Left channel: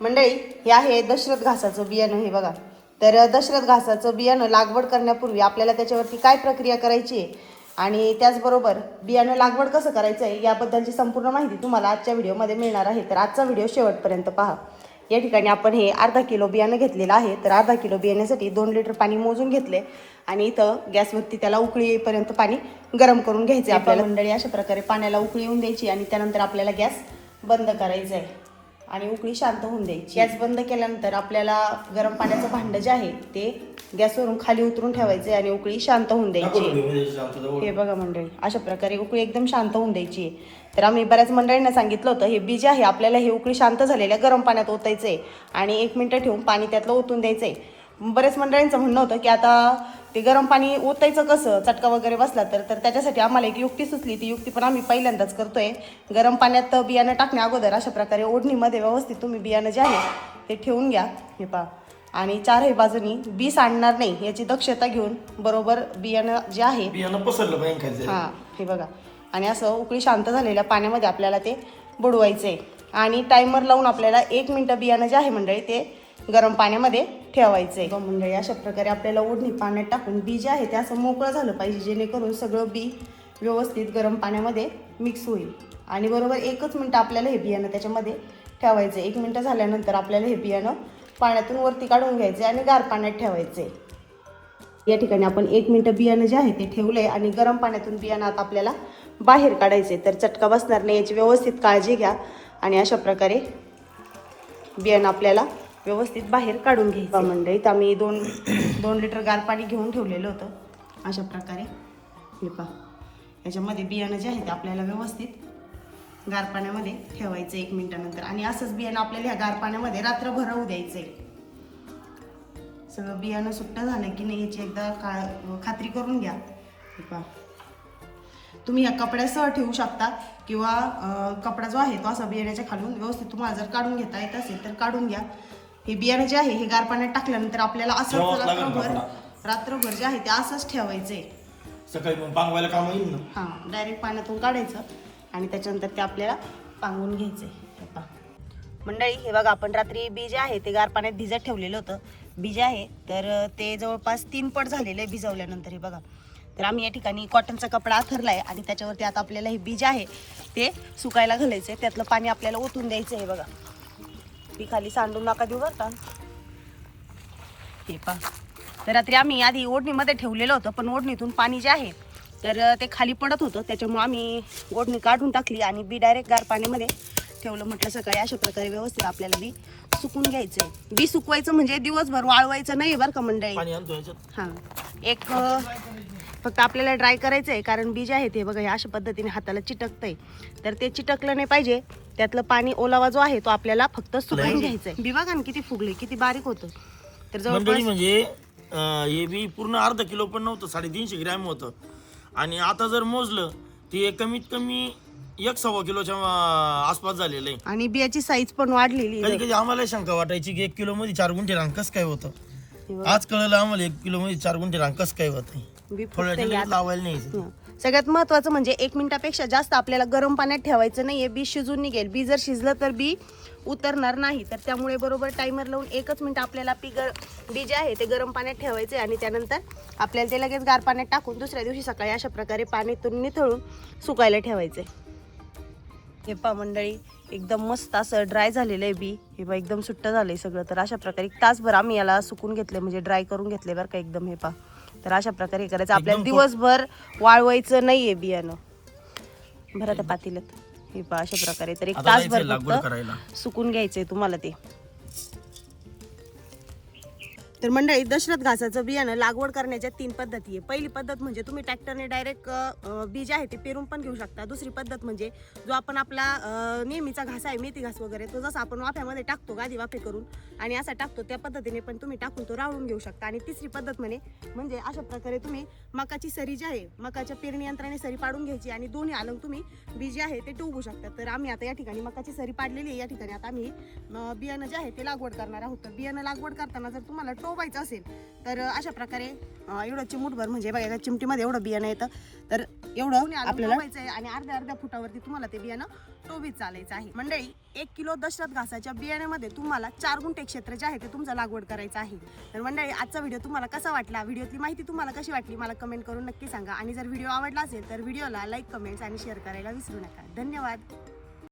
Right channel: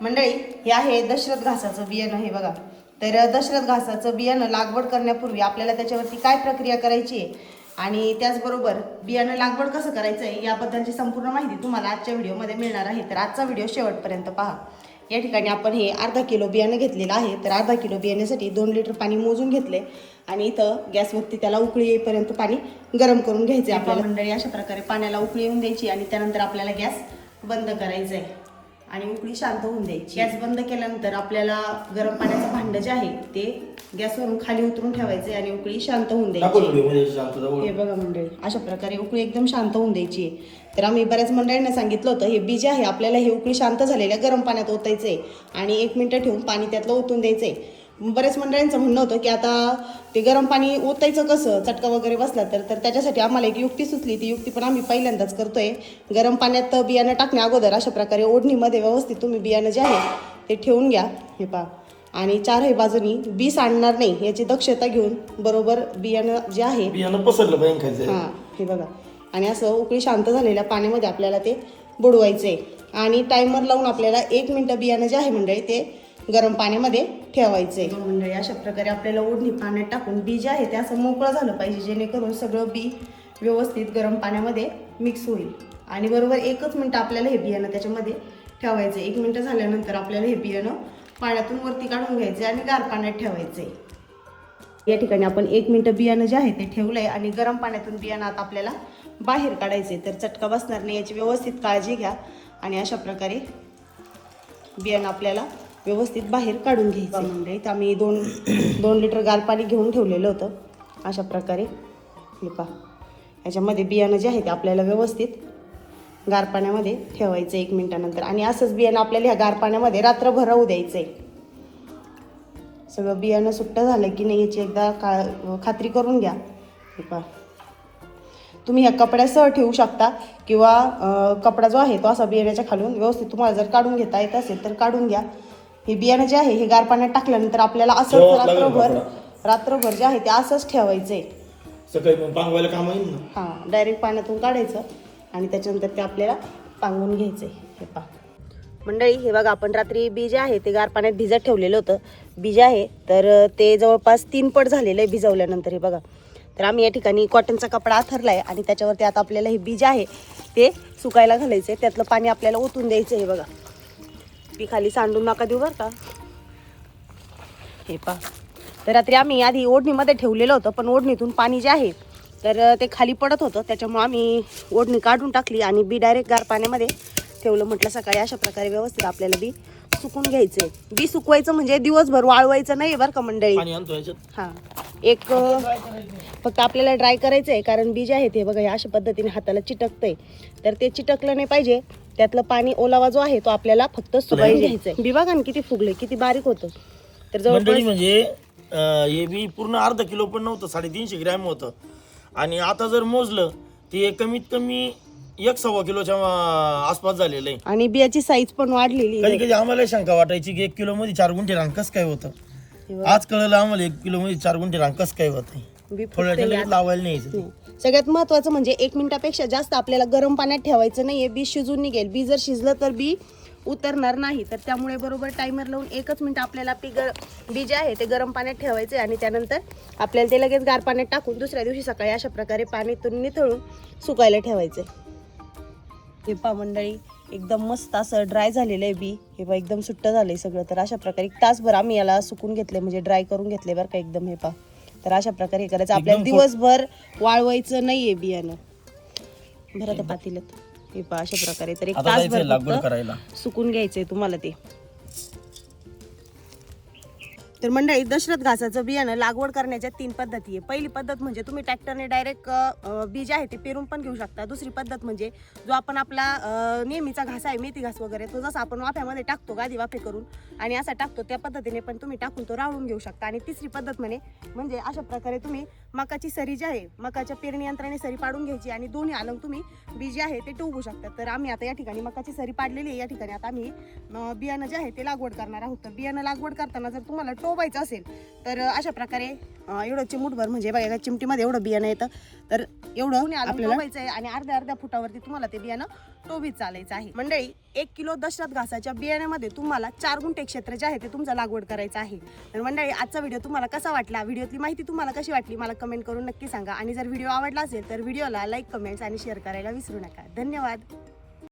मंडळी हे आहे दशरथ घासाचं बियाणं. हे बघा, तर दशरथ घासाचं बियाणं लागवड करण्यापूर्वी आपल्याला त्याच्यावरती काय प्रक्रिया करायची आहे आणि त्याचबरोबर बियाणं लागवड कसं करायचं आहे याबद्दलची संपूर्ण माहिती तुम्हाला आजच्या व्हिडिओमध्ये मिळणार आहे. तर आजचा व्हिडिओ शेवटपर्यंत पहा. या ठिकाणी आपण हे अर्धा किलो बियाणं घेतलेलं आहे. तर अर्धा किलो बियाण्यासाठी 2 लिटर पाणी मोजून घेतले आणि इथं गॅसवरती त्याला उकळी येईपर्यंत पाणी गरम करून घ्यायचे आपल्याला. मंडळी अशा प्रकारे पाण्याला उकळी येऊन द्यायची आणि त्यानंतर आपल्याला गॅस बंद करायचा आहे आणि उकळी शांत होऊन द्यायची. गॅस बंद केल्यानंतर आपल्याला गरम पाण्याचं भांडं जे आहे ते गॅसवरून खाली उतरून ठेवायचे आणि उकळी शांत होऊन द्यायची. हे बघा मंडळी, अशा प्रकारे उकळी एकदम शांत होऊन द्यायची आहे. तर आम्ही बऱ्याच मंडळींना सांगितलं होतं हे बी जे आहे आपल्याला हे उकळी शांत झालेल्या गरम पाण्यात ओतायचं आहे आणि 1 मिनिट ठेवून पाणी त्यातलं ओतून द्यायचं आहे. बरेच मंडळींचं म्हणणं होतं की आता ते गरम पाणी ओतायचं कसं, चटका वगैरे बसला तर त्याच्यासाठी आम्हाला एक युक्ती सुचली. ती युक्ती पण आम्ही पहिल्यांदाच करतोय. गरम पाण्यात बियाणं टाकण्या अगोदर अशा प्रकारे ओढणीमध्ये व्यवस्थित तुम्ही बियाणं जे आहे ते ठेवून घ्या. हे पहा, आणि चारही बाजूनी बी सांडणार नाही याची दक्षता घेऊन बरोबर बियाणं जे आहे बियाणं पसरलं पाहिजे. हां, हे बघा, आणि असं उकळी शांत झालेल्या पाण्यामध्ये आपल्याला ते बुडवायचं आहे आणि टायमर लावून आपल्याला 1 मिनिट बियाणं जे आहे मंडळी ते गरम पाण्यामध्ये ठेवायचं आहे. मंडळी अशा प्रकारे आपल्याला ओढणी पाण्यात टाकून बी जे आहे ते असं मोकळं झालं पाहिजे जेणेकरून सगळं बी व्यवस्थित गरम पाण्यामध्ये मिक्स होईल. आणि बरोबर 1च मिनिट आपल्याला हे बियाणं त्याच्यामध्ये ठेवायचं. 1 मिनिट झाल्यानंतर आपल्याला हे बियाणं पाण्यातून वरती काढून घ्यायचे आणि गार पाण्यात ठेवायचे. या ठिकाणी आपण 1 मिनिट बियाणं जे आहे ते ठेवलंय आणि गरम पाण्यातून बियाणं आता आपल्याला बाहेर काढायचे. तर चटका बसणार नाही याची व्यवस्थित काळजी घ्या आणि अशा प्रकारे बियाणं आपल्याला व्यवस्थित बाहेर काढून घ्यायचं. मंडळी तर आम्ही 2 लिटर गार पाणी घेऊन ठेवलेलं होतं. अशा प्रकारे हे पहा, याच्यामध्ये बियाणं जे आहे ते आपल्याला व्यवस्थित गार पाण्यामध्ये ठेवायचं 1 मिनिटानंतर आणि असंच बियाणं आपल्याला ह्या गार पाण्यामध्ये रात्रभर राहू द्यायचंय. सगळं बियाणं सुट्ट झालं की नाही याची एकदा खात्री करून घ्या. हे पहा, तुम्ही ह्या कपड्यासह ठेवू शकता किंवा कपडा जो आहे तो असा बियाण्याच्या खालून व्यवस्थित तुम्हाला जर काढून घेता येत असेल तर काढून घ्या. हे बियाणं जे आहे हे गार पाण्यात टाकल्यानंतर आपल्याला असंच रात्रभर जे आहे ते असंच ठेवायचंय. सकाळी पांगवायला काम येईल ना. हां, डायरेक्ट पाण्यातून काढायचं आणि त्याच्यानंतर ते आपल्याला पांगून घ्यायचंय. हे पहा मंडळी, हे बघा, आपण रात्री बी जे आहे ते गार पाण्यात भिजत ठेवलेलं होतं. बी जे आहे तर ते जवळपास 3 पट झालेलं आहे भिजवल्यानंतर. हे बघा, तर आम्ही या ठिकाणी कॉटनचा कपडा आथरला आहे आणि त्याच्यावरती आता आपल्याला हे बी जे आहे ते सुकायला घालायचं आहे. त्यातलं पाणी आपल्याला ओतून द्यायचं आहे. हे बघा, बी खाली सांडून नका देऊ बरं का. हे पहा, तर रात्री आम्ही आधी ओढणीमध्ये ठेवलेलं होतं पण ओढणीतून पाणी जे आहे तर ते खाली पडत होतं, त्याच्यामुळे आम्ही ओढणी काढून टाकली आणि बी डायरेक्ट गार पाण्यामध्ये ठेवलं. म्हटलं सकाळी अशा प्रकारे व्यवस्थित आपल्याला बी सुकून घ्यायचंय. बी सुकवायचं म्हणजे दिवसभर वाळवायचं नाही बरं का मंडळी. हां, एक फक्त आपल्याला ड्राय करायचं आहे कारण बी जे आहे ते बघा अशा पद्धतीने हाताला चिटकतंय. तर ते चिटकलं नाही पाहिजे. त्यातलं पाणी ओलावा जो आहे तो आपल्याला फक्त सुकावून घ्यायचंय. बी बघा ना किती फुगले, किती बारीक होतं. तर जवळपास म्हणजे हे बी पूर्ण अर्धा किलो पण नव्हतं, 350 ग्रॅम होतं आणि आता जर मोजलं ते कमीत कमी 1.25 किलोच्या आसपास झालेलं आहे. आणि बियाची साईज पण वाढलेली. कधी कधी आम्हाला शंका वाटायची की 1 किलो मध्ये 4 गुंठे रान कसं काय होतं. आज कळलं आम्हाला 1 किलो मध्ये 4 गुंठे रान कसं काय होतं. लावायला नाही. सगळ्यात महत्वाचं म्हणजे 1 मिनिटापेक्षा जास्त आपल्याला गरम पाण्यात ठेवायचं नाहीये. बी शिजून निघेल. बी जर शिजलं तर बी उतरणार नाही. तर त्यामुळे बरोबर टायमर लावून 1च मिनिट आपल्याला बी जे आहे ते गरम पाण्यात ठेवायचे आणि त्यानंतर आपल्याला ते लगेच गार पाण्यात टाकून दुसऱ्या दिवशी सकाळी अशा प्रकारे पाणीतून निथळून सुकायला ठेवायचे. हे पहा मंडळी, एकदम मस्त असं ड्राय झालेलं आहे बी. हे पहा एकदम सुट्ट झालंय सगळं. तर अशा प्रकारे 1 तासभर आम्ही याला सुकून घेतले, म्हणजे ड्राय करून घेतले बरं का एकदम. हे पहा, तर अशा प्रकारे हे करायचं. आपल्याला दिवसभर वाळवायचं नाहीये बियाणं. भरा त्या पातेल्यात. हे पहा अशा प्रकारे. तर 1 तासभर फक्त सुकून घ्यायचंय तुम्हाला ते. तर मंडळी, दशरथ घासाचं बियाणं लागवड करण्याच्या 3 पद्धती आहे. पहिली पद्धत म्हणजे तुम्ही ट्रॅक्टरने डायरेक्ट बी जे आहे ते पेरून पण घेऊ शकता. दुसरी पद्धत म्हणजे जो आपण आपला नेहमीचा घास आहे, मेथी घास वगैरे, तो जसा आपण वाफ्यामध्ये टाकतो गादी वाफे करून आणि असा टाकतो त्या पद्धतीने पण तुम्ही टाकून तो राळून घेऊ शकता. आणि तिसरी पद्धत म्हणजे अशा प्रकारे तुम्ही मकाची सरी जी आहे, मकाच्या पेरणी यंत्राने सरी पाडून घ्यायची आणि दोन्ही अलंग तुम्ही बी जे आहे ते टोवू शकता. तर आम्ही आता या ठिकाणी मकाची सरी पाडलेली आहे. या ठिकाणी आता आम्ही बियाणं जे आहे ते लागवड करणार आहोत. तर बियाणं लागवड करताना जर तुम्हाला टोवायचं असेल तर अशा प्रकारे एवढं चिमूटभर म्हणजे बघा एका चिमटीमध्ये एवढं बियाणं येतं. तर एवढं आपल्याला आहे आणि अर्ध्या फुटावरती तुम्हाला ते बियाणं टोबीत चालायचं आहे. मंडळी 1 किलो दशरथ घासाच्या बियाण्यामध्ये तुम्हाला 4 गुंठे क्षेत्र जे आहे ते तुमचं लागवड करायचं आहे. तर मंडळी आजचा व्हिडिओ तुम्हाला कसा वाटला, व्हिडिओतली माहिती तुम्हाला कशी वाटली मला कमेंट करून नक्की सांगा. आणि जर व्हिडिओ आवडला असेल तर व्हिडिओला लाईक, कमेंट्स आणि शेअर करायला विसरू नका. धन्यवाद.